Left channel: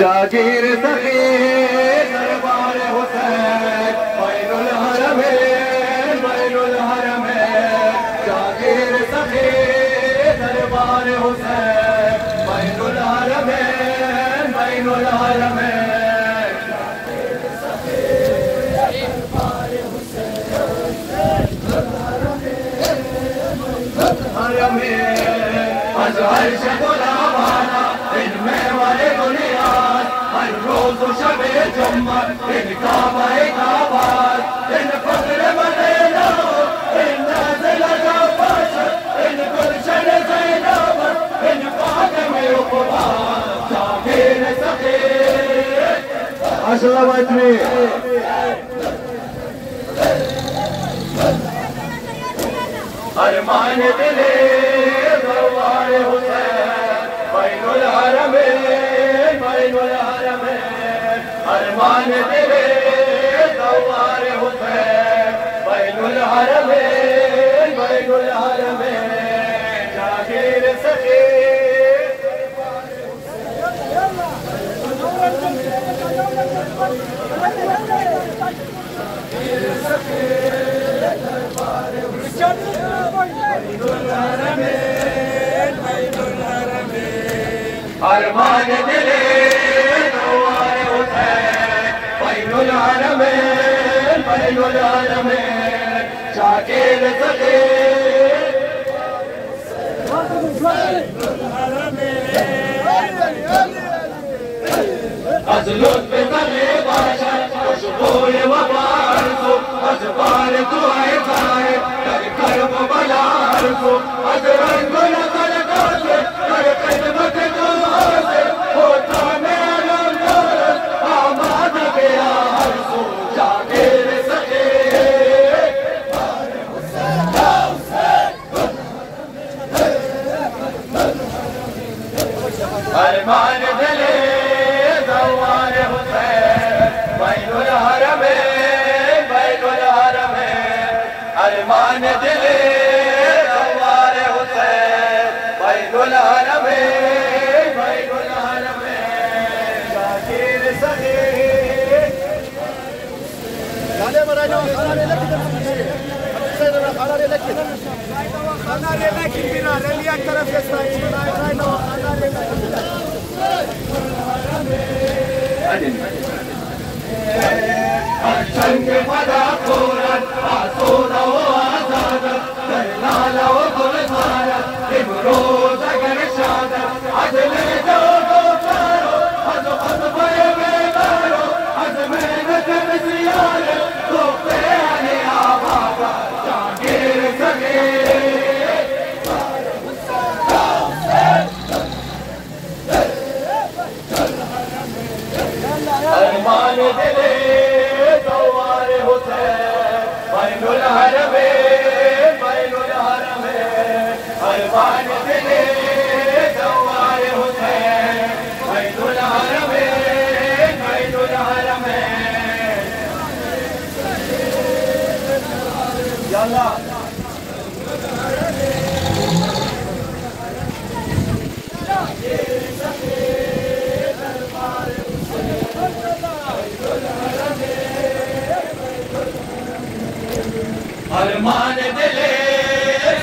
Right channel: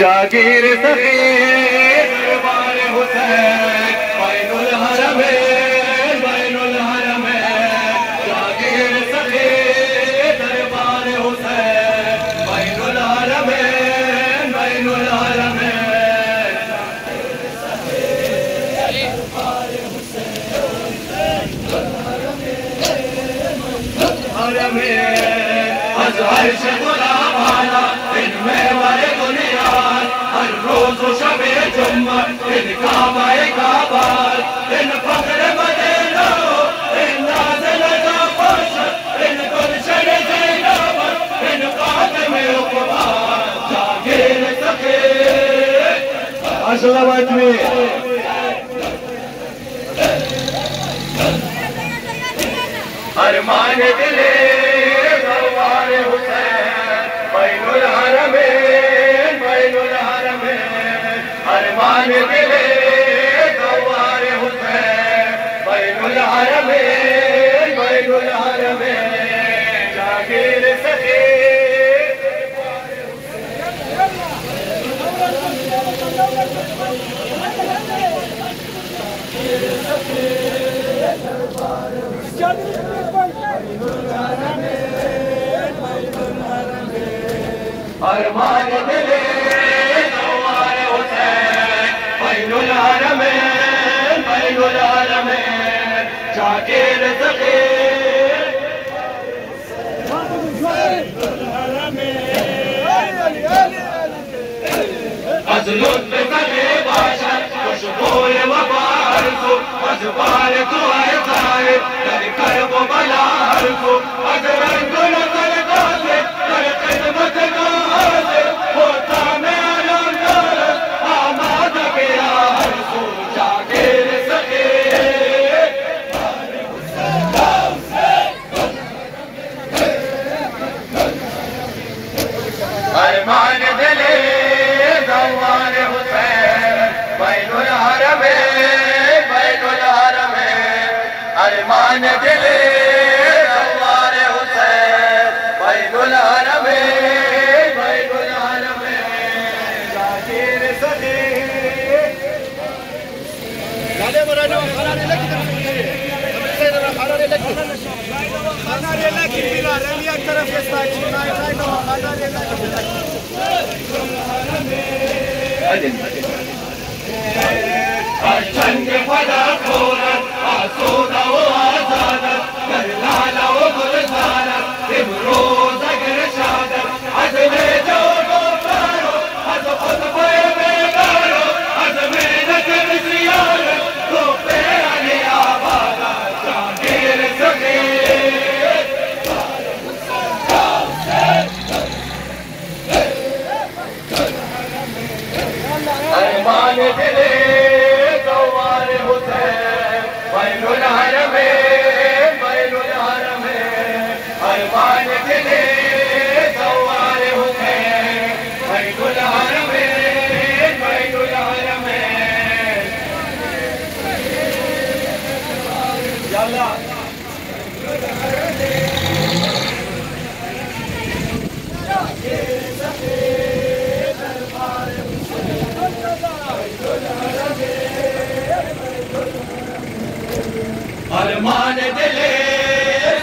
जागीर सगीर दरबार हुसैन बैनुल हरमैन बैनुल हरमैन जागीर सगीर दरबार हुसैन बैनुल हरमैन बैनुल हरमैन दरबार हुसैन हरमैन अज़हर शगुलाबाना इनमें वाले दुनिया हर रोज शबे जुम्मा इन काबाए काबाल इन फख्र मदीना इन नाज़िल जाफश इन गुलशन ज़ैनब इन फातिम उक़बा जागीर सगीर अशरफत में अरमान दिले दरबार हुसैन बैनुल हरमैन बैनुल हरमैन अरमान दिले दरबार हुसैन बैनुल हरमैन बैनुल हरमैन जागीर सगीर दरबार अरमान दिले दरबार हुसैन बैनुल हरमैन बैनुल हरमैन जागीर सगीर अज़ लुत्फ़ करे बाशर खुशबूए वबार को अज़ बार दुआए जाए कर कर्ब बलार को अज़ रंग नज़र डाले कर खिदमत दुआए होता मेरा नर आमाद गया हर सो जागीर सगीर अरमान दिले दरबार हुसैन बैनुल हरमैन बैनुल हरमैन अरमान दिले दरबार हुसैन बैनुल हरमैन बैनुल हरमैन जागीर सगीर गाले मराना खाना ले लेके अब से खाना ले लेके बिना रेलिया करे के साइड जंग फदा कोरत आसूदा व आजादत करलाला व गुलजारत इमरोज अगर शादत अजले जो गोपारो अज खुद पे बेगारो अज मेहनत बिजियारत तो पे आने आबादा जागीर सगीर अरमान दिले दरबार हुसैन बैनुल हरमैन बैनुल हरमैन अरमान दिले सवार हुसैन बैतुल हरमैन बैतुल हरमैन या अल्लाह अरमान दिले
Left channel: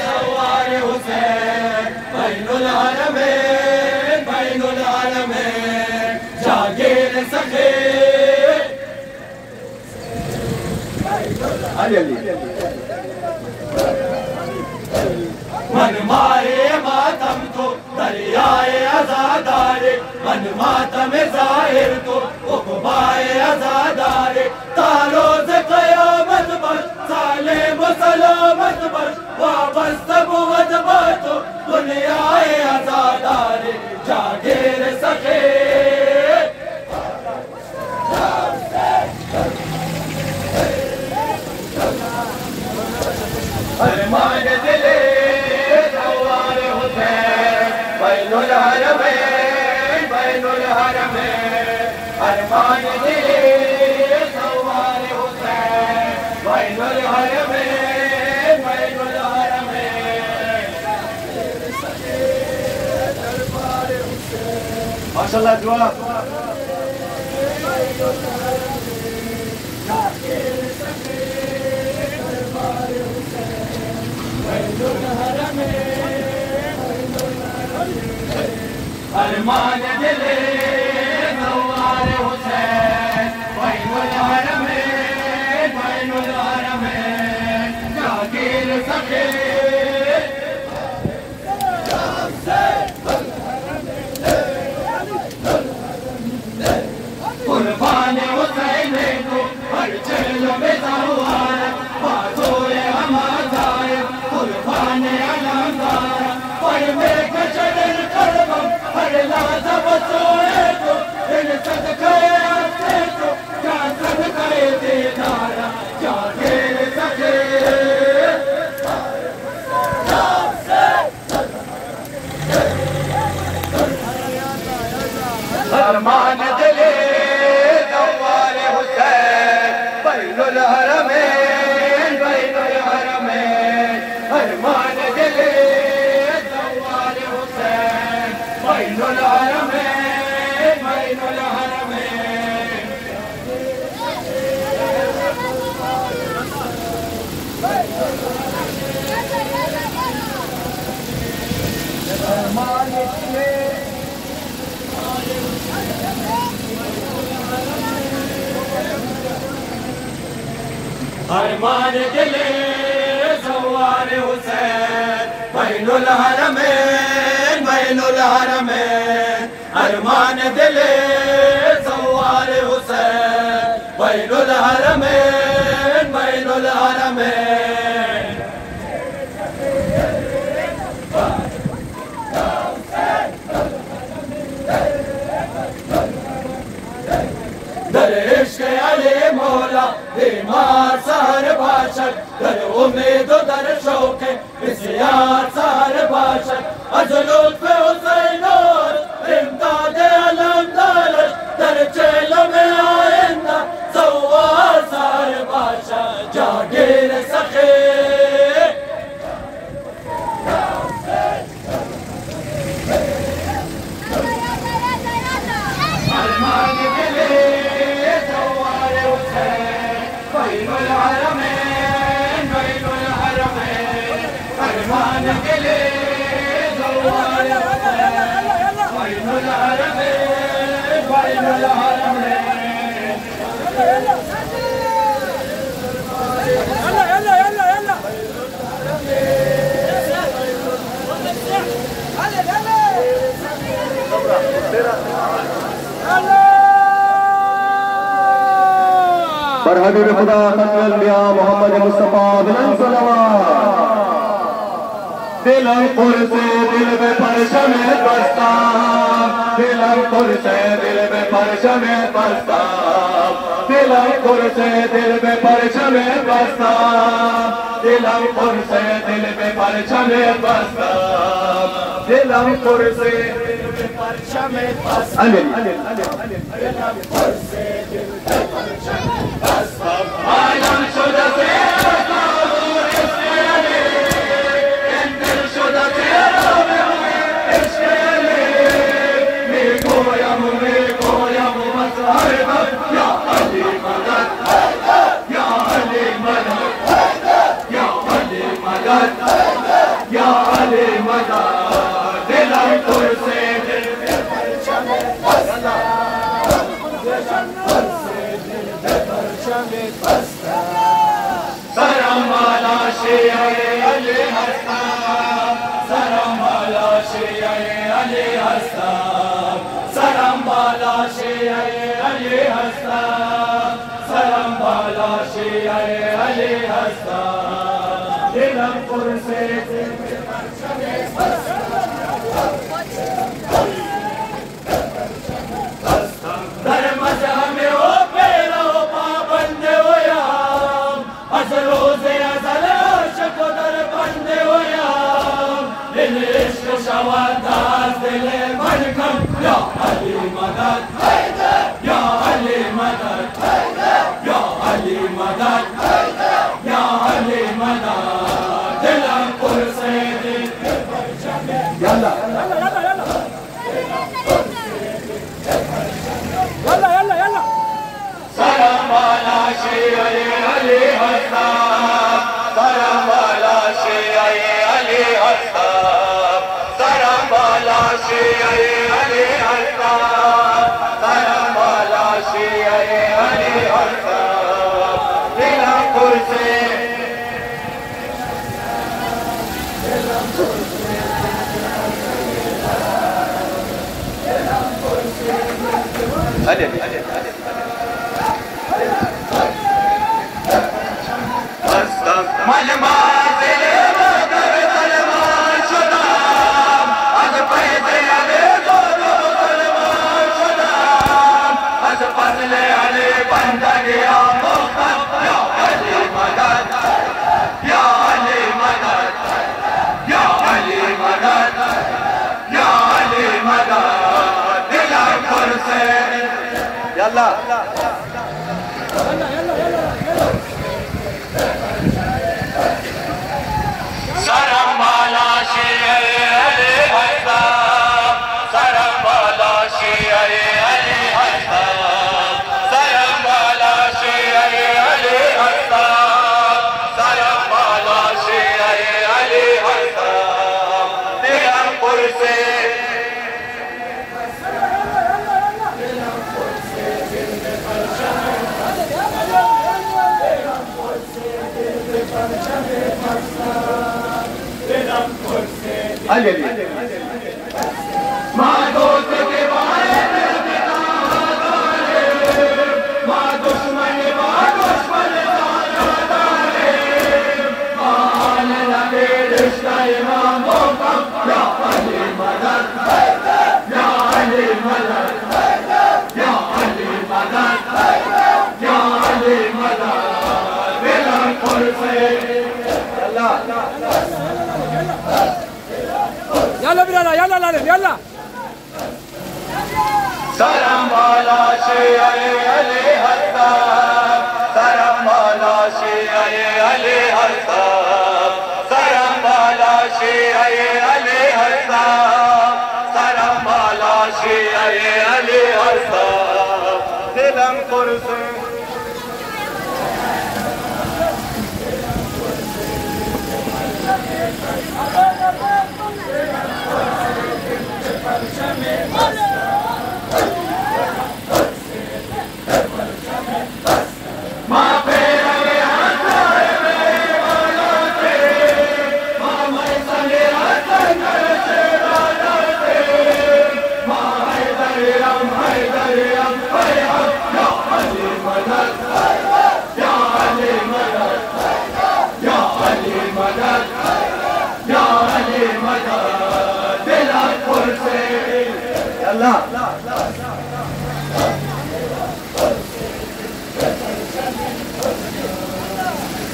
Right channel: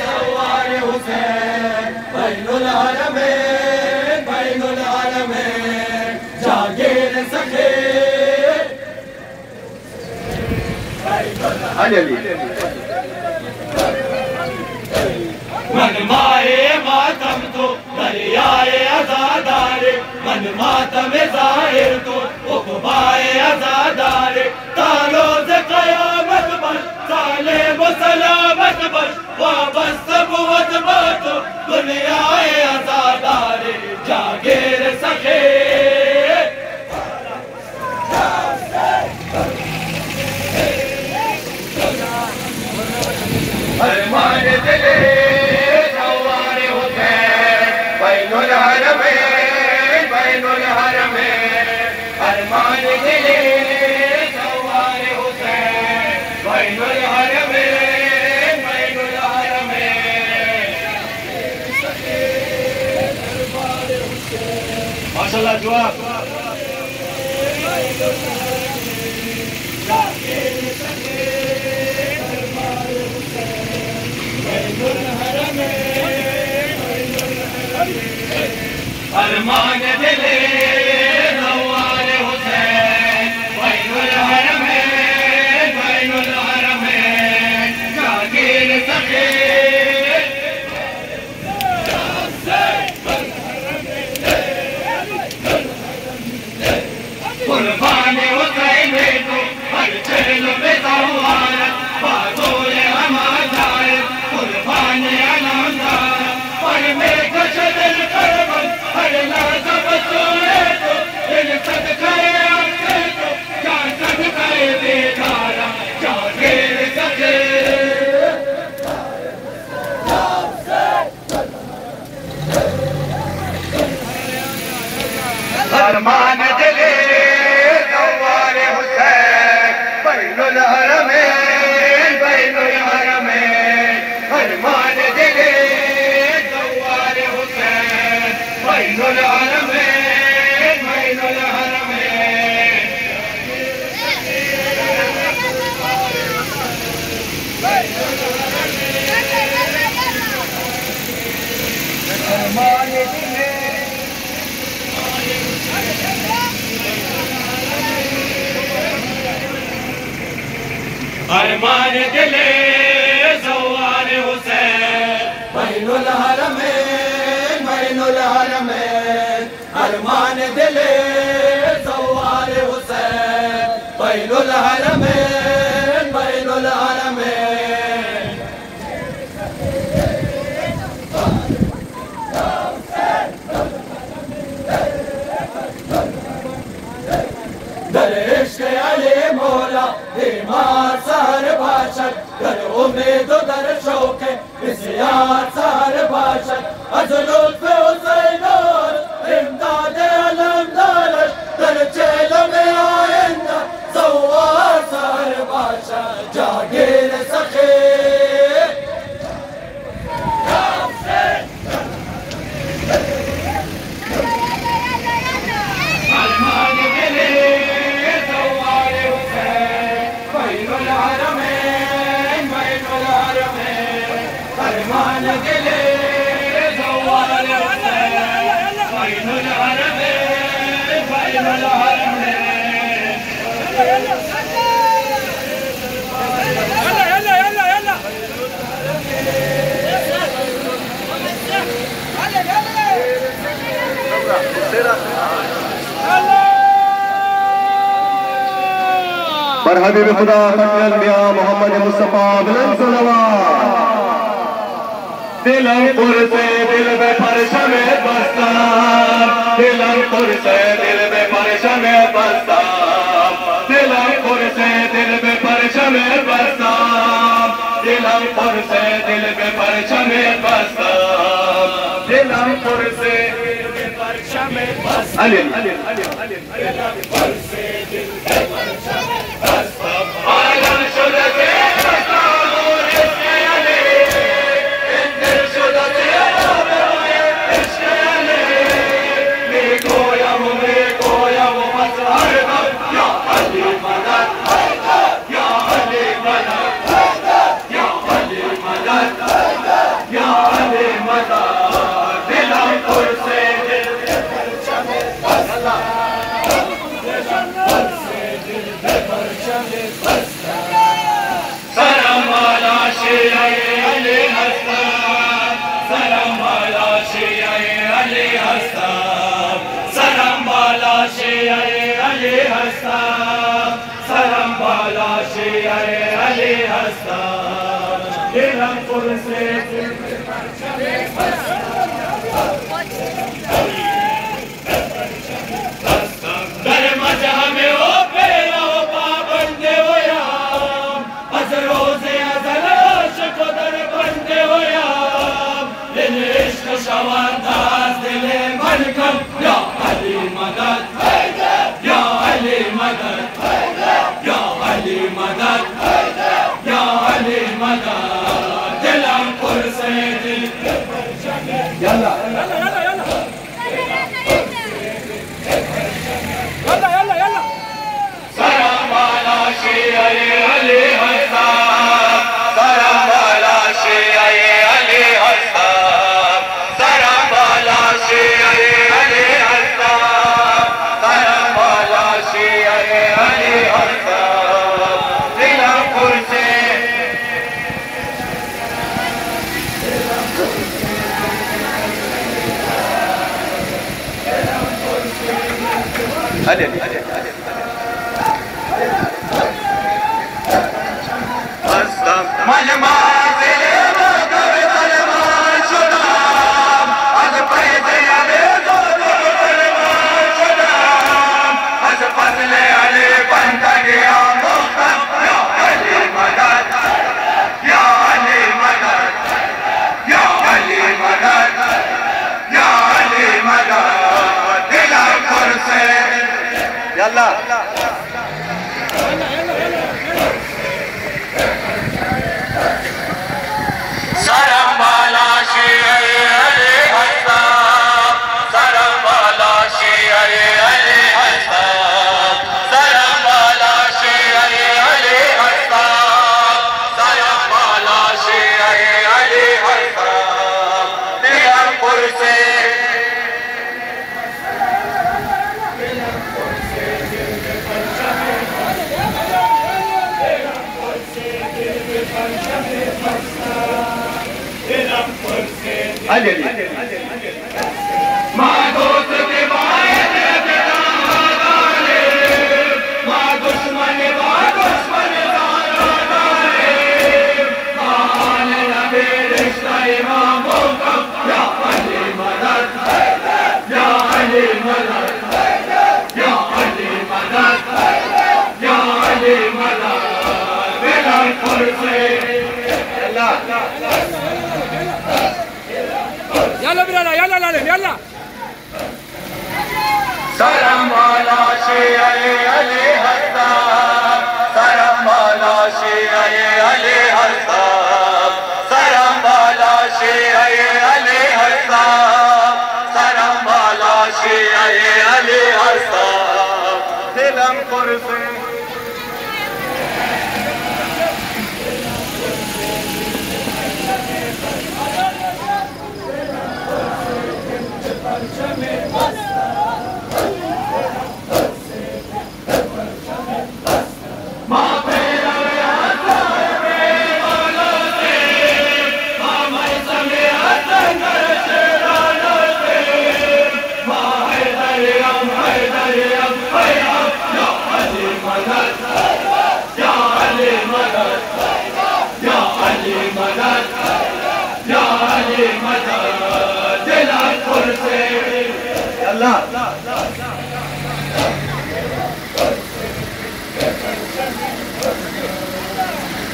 सवार हुसैन बैतुल हरमैन बैतुल हरमैन जागीर सखे मनमाए मातम तो दरियाए आजादारे मन मातम जाहिर तो उकबाए आजादारे तारोज कयामत पर साले मुसलमत पर वाबस्त बुवत बातो दुनियाए आजादारे जागीर सखे अरमान दिले सवार हुसैन बैतुल हरमैन बैतुल हरमैन अरमान दिले सवार हुसैन बैतुल हरमैन बैतुल हरमैन माशाअल्लाह जवाब अरमान दिले सवार हुसैन बैतुल हरमैन बैतुल हरमैन जागीर सखे कुर्बान हुसैन को हर चरण में सवार बाज़ोए हमादार कुर्बान अनादार पर में कशदल करबम हर लाज़म सोए तो इन सदक़े आके तो क्या सदक़े बेदारा जागीर सखे अरमान दिले सवार हुसैन बैतुल हरमैन बैतुल हरमैन अरमान दिले सवार हुसैन बैतुल हरमैन बैतुल हरमैन अरमान दिले अरमान दिले सवार हुसैन बैतुल हरमैन बैतुल हरमैन अरमान दिले सवार हुसैन बैतुल हरमैन बैतुल हरमैन दर इश्क़ अली मौला बीमार सहर बाशद दर उम्मीद दर शौक़ इस्यार सहर बाशद अज़ लुत्फ़ हुसैन इमदाद अलमदार दर चेल में आइंदा सवार सहर बाशद जागीर सखे अरमान दिले सवार हुसैन बैतुल हरमैन बैतुल हरमैन अरमान दिले सवार हुसैन बैतुल हरमैन बैतुल हरमैन पर हबीब खुदा मियां मोहम्मद मुस्तफा बुलंद सलवात दिलमपुर से दिल में परचम बसता दिलमपुर से दिल में परचम बसता दिलमपुर से दिल में परचम बसता दिलमपुर से दिल में परचम बसता दिलमपुर से अली आलम शुदा से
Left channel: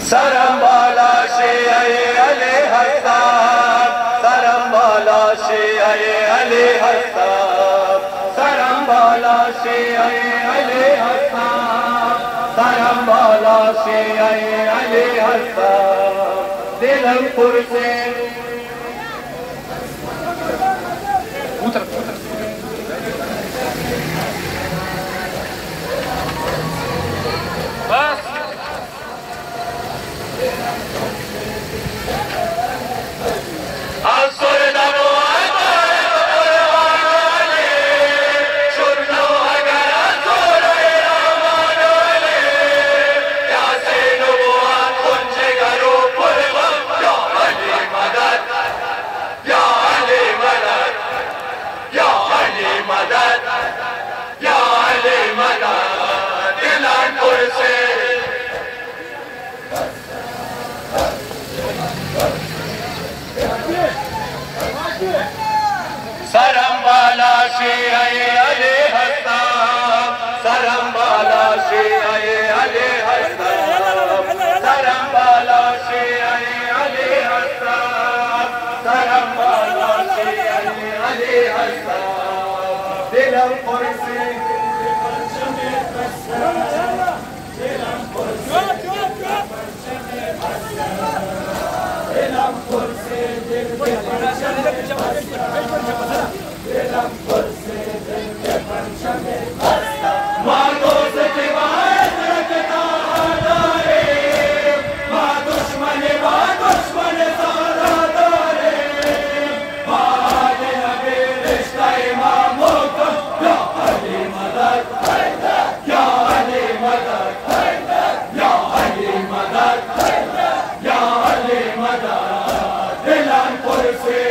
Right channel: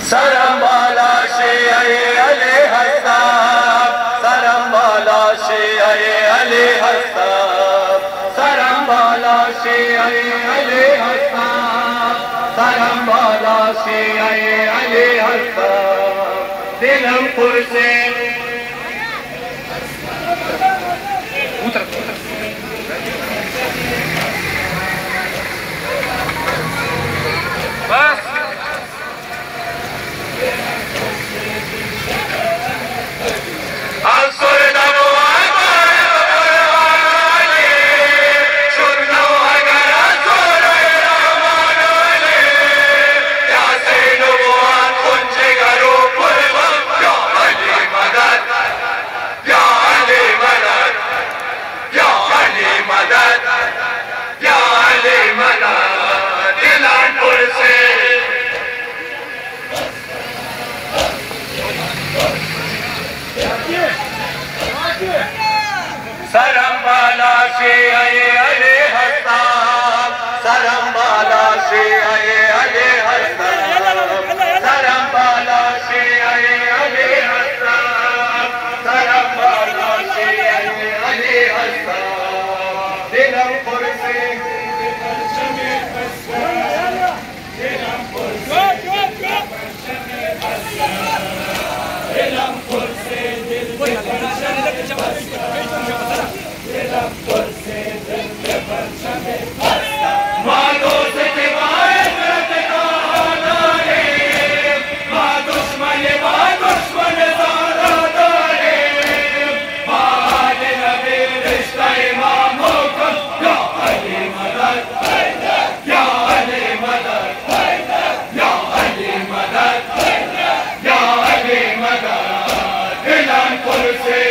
सरम बाला शियाए अली हस्ताब सरम बाला शियाए अली हस्ताब सरम बाला शियाए अली हस्ताब दिलमपुर से बस सरम बाला शियाए अली हस्ताब सरम बाला शियाए अली हस्ताब सरम बाला शियाए अली हस्ताब सरम बाला शियाए अली हस्ताब दिलमपुर से दिलमपुर से दिल में परचम दिलमपुर से दिल में परचम वादों से दिवाए दुश्मन ज़ादारे बाद नबी रिश्ता इमामों को या अली मदद या अली मदद या अली मदद या अली मदद दिलमपुर से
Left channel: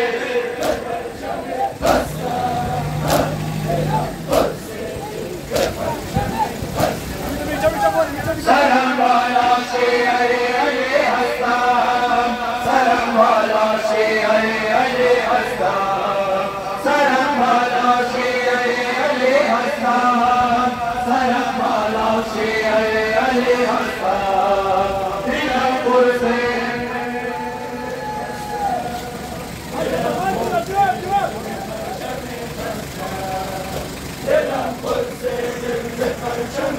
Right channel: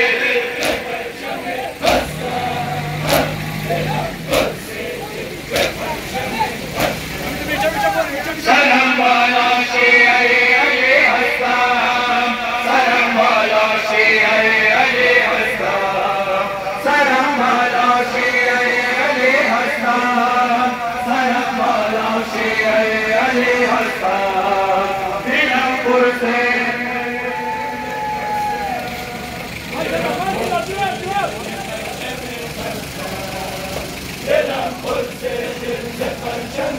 सरम बाला शियाए अली हस्ताब सरम बाला शियाए अली हस्ताब सरम बाला शियाए अली हस्ताब सरम बाला शियाए अली हस्ताब दिलमपुर से दिलमपुर से दिल में परचम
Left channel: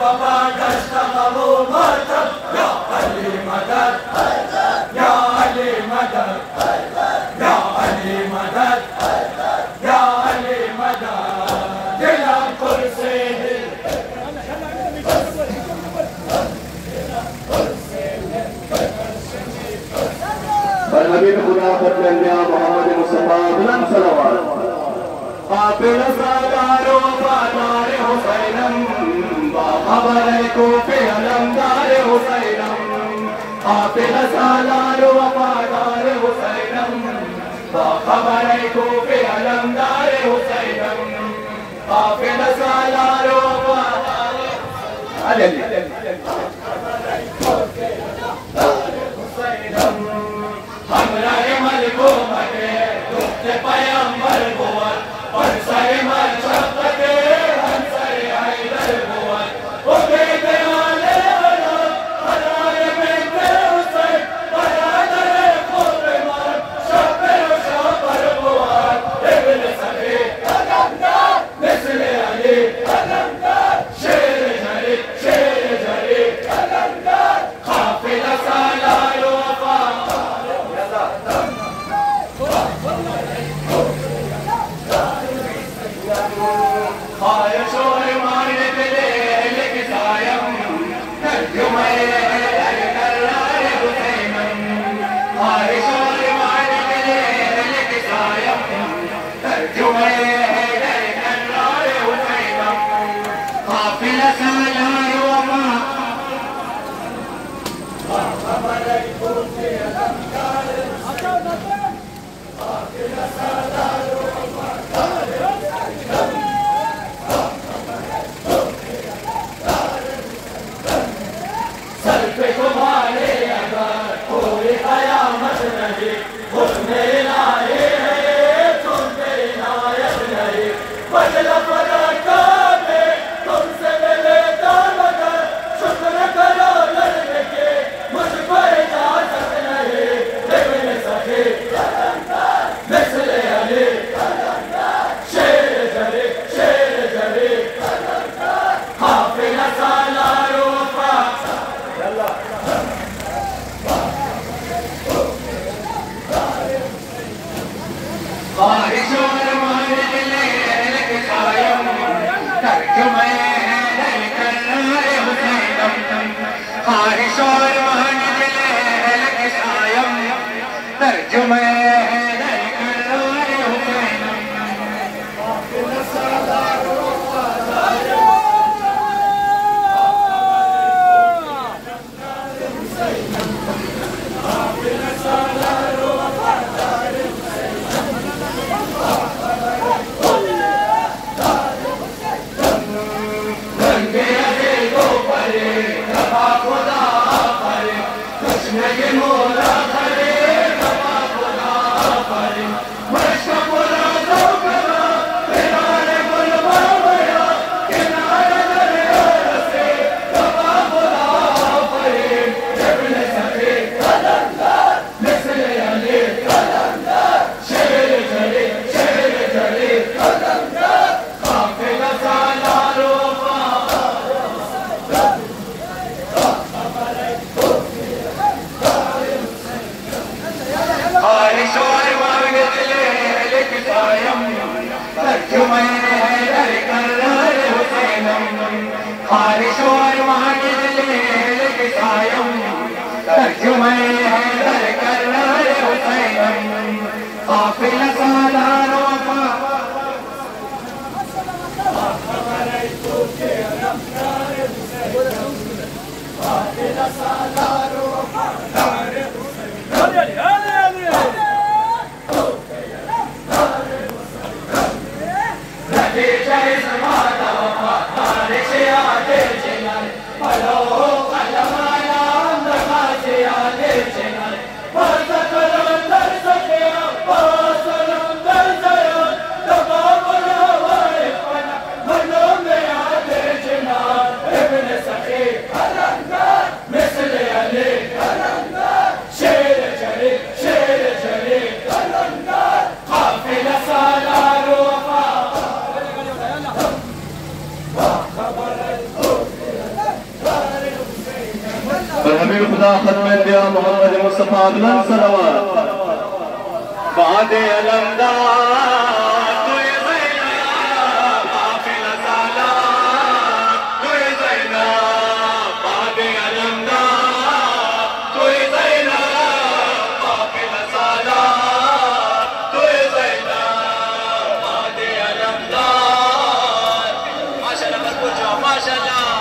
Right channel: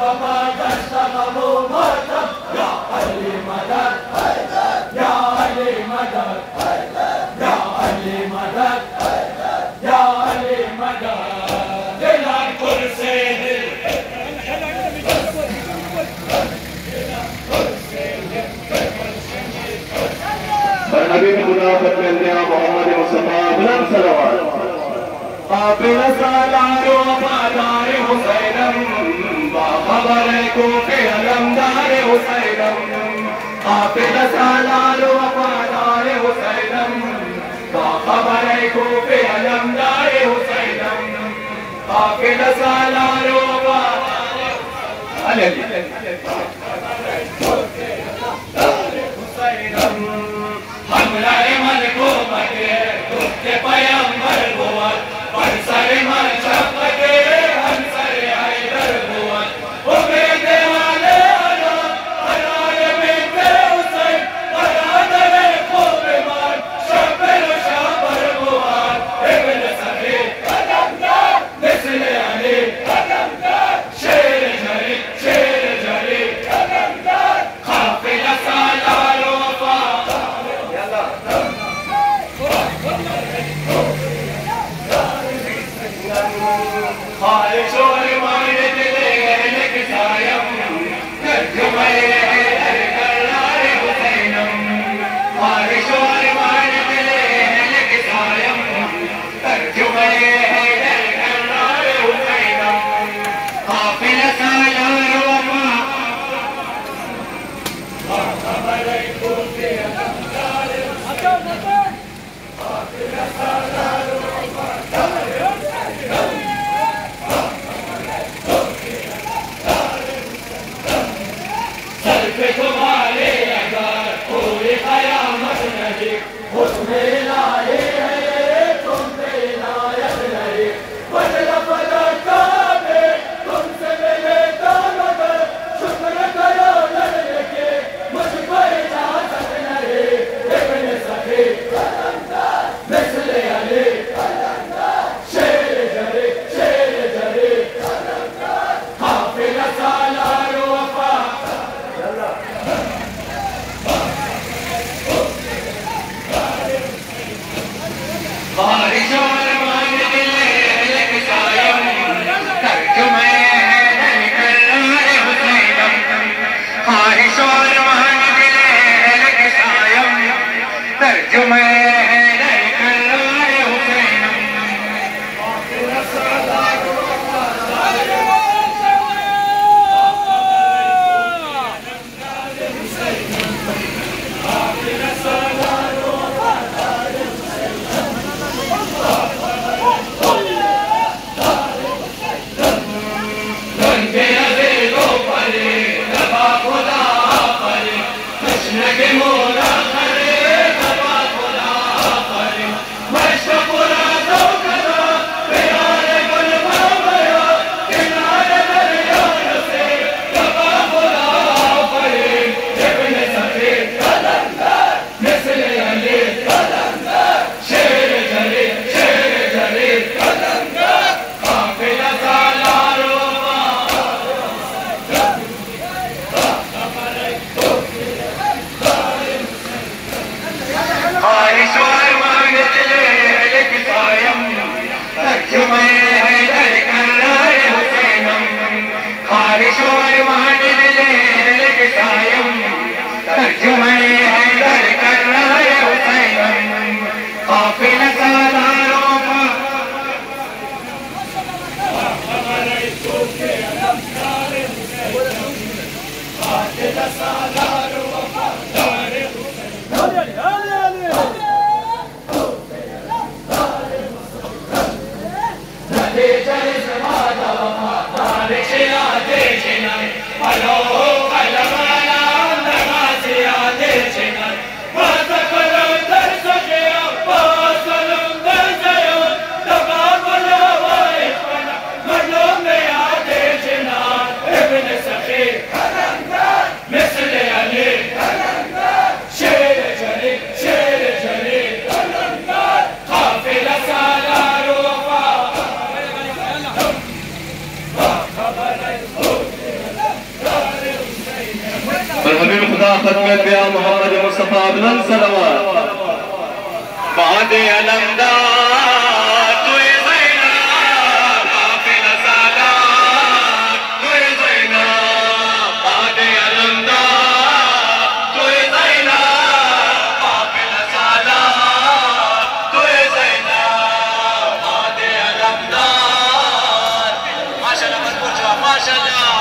बाबा दस्ता बाबू मातम या अली मदद या अली मदद या अली मदद या अली मदद दिलमपुर से नबी खुदा पर मोहम्मद मुस्तफा बुलंद सलावत काबिल सादारो वफादार हुसैनम बाखबर कोफे अलमदार हुसैनम काबिल सादारो वफादार हुसैनम बाखबर कोफे अलमदार हुसैनम काबिल सादारो वफादार हुसैनम हमला मलको मते के पैगंबर बोल पर सरे मचप के हम सरे हैदर बोल ओ बेटे आले वाला हरारे बेटे हुसैन बरादर को बेमार शबर शबर बोल इब्न सरे कदमदार मिसले अली कदमदार शेर झरे कदमदार काफिला सालारो तुम्हारे अगर कोई कयामत नहीं, उसमें लाए बारिश और मान ले सायम तर्जुमे कर हुसैनम बारिश और मान ले सायम तर्जुमे खत्म पिया मोहम्मद मुस्तफा बुलंद सलावत बाद अलमदार तुए ज़ैनब काफिल सालात तुए ज़ैनब बाद अलमदार तुए ज़ैनब काफिल सालात तुए ज़ैनब बाद अलमदार माशाअल्लाह मजबूत जवाब माशाअल्लाह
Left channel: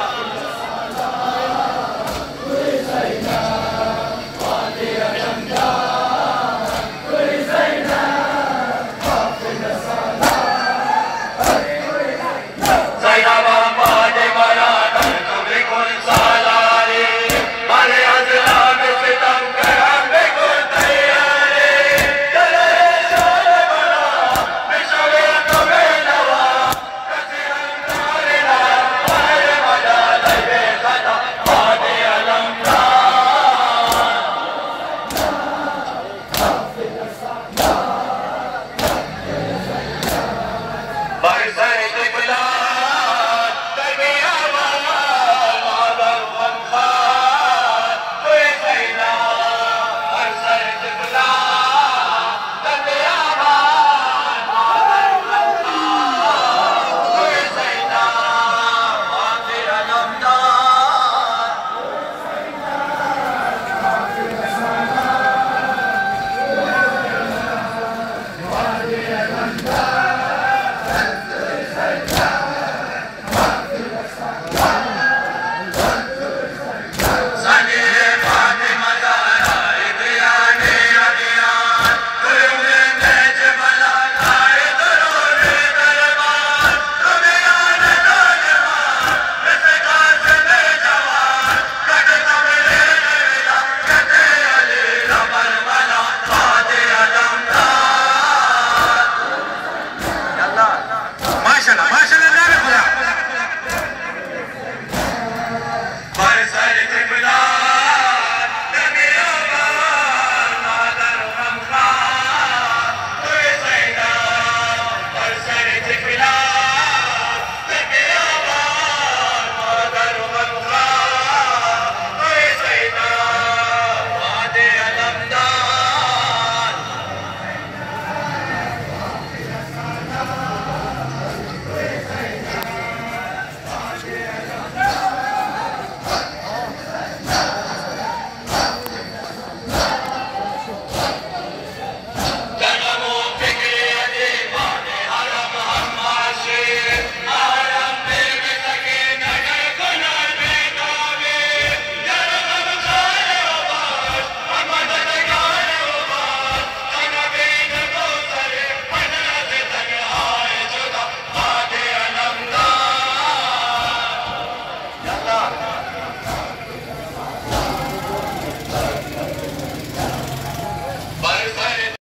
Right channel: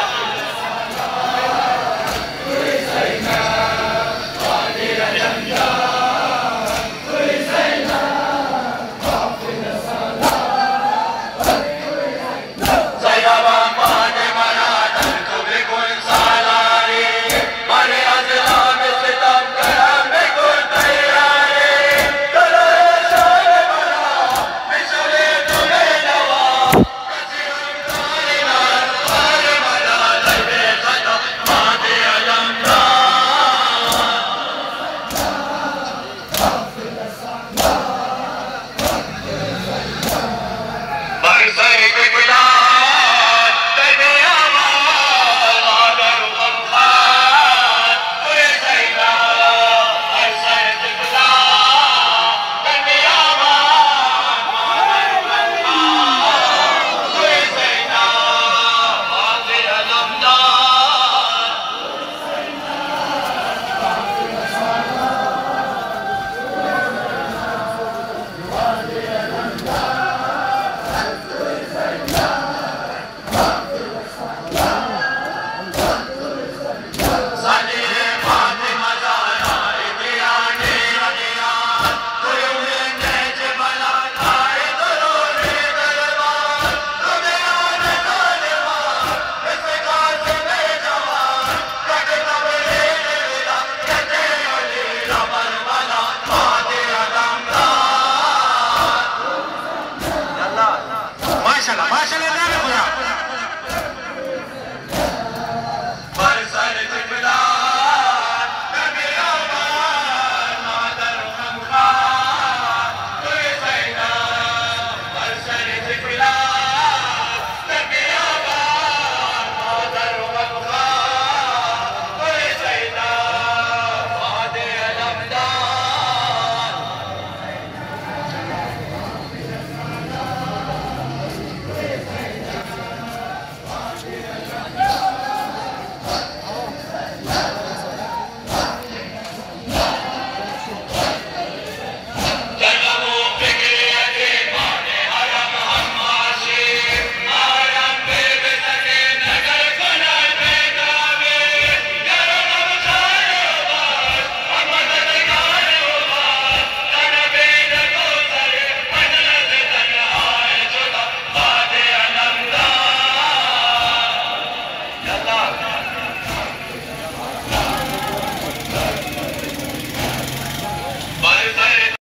अल्लाह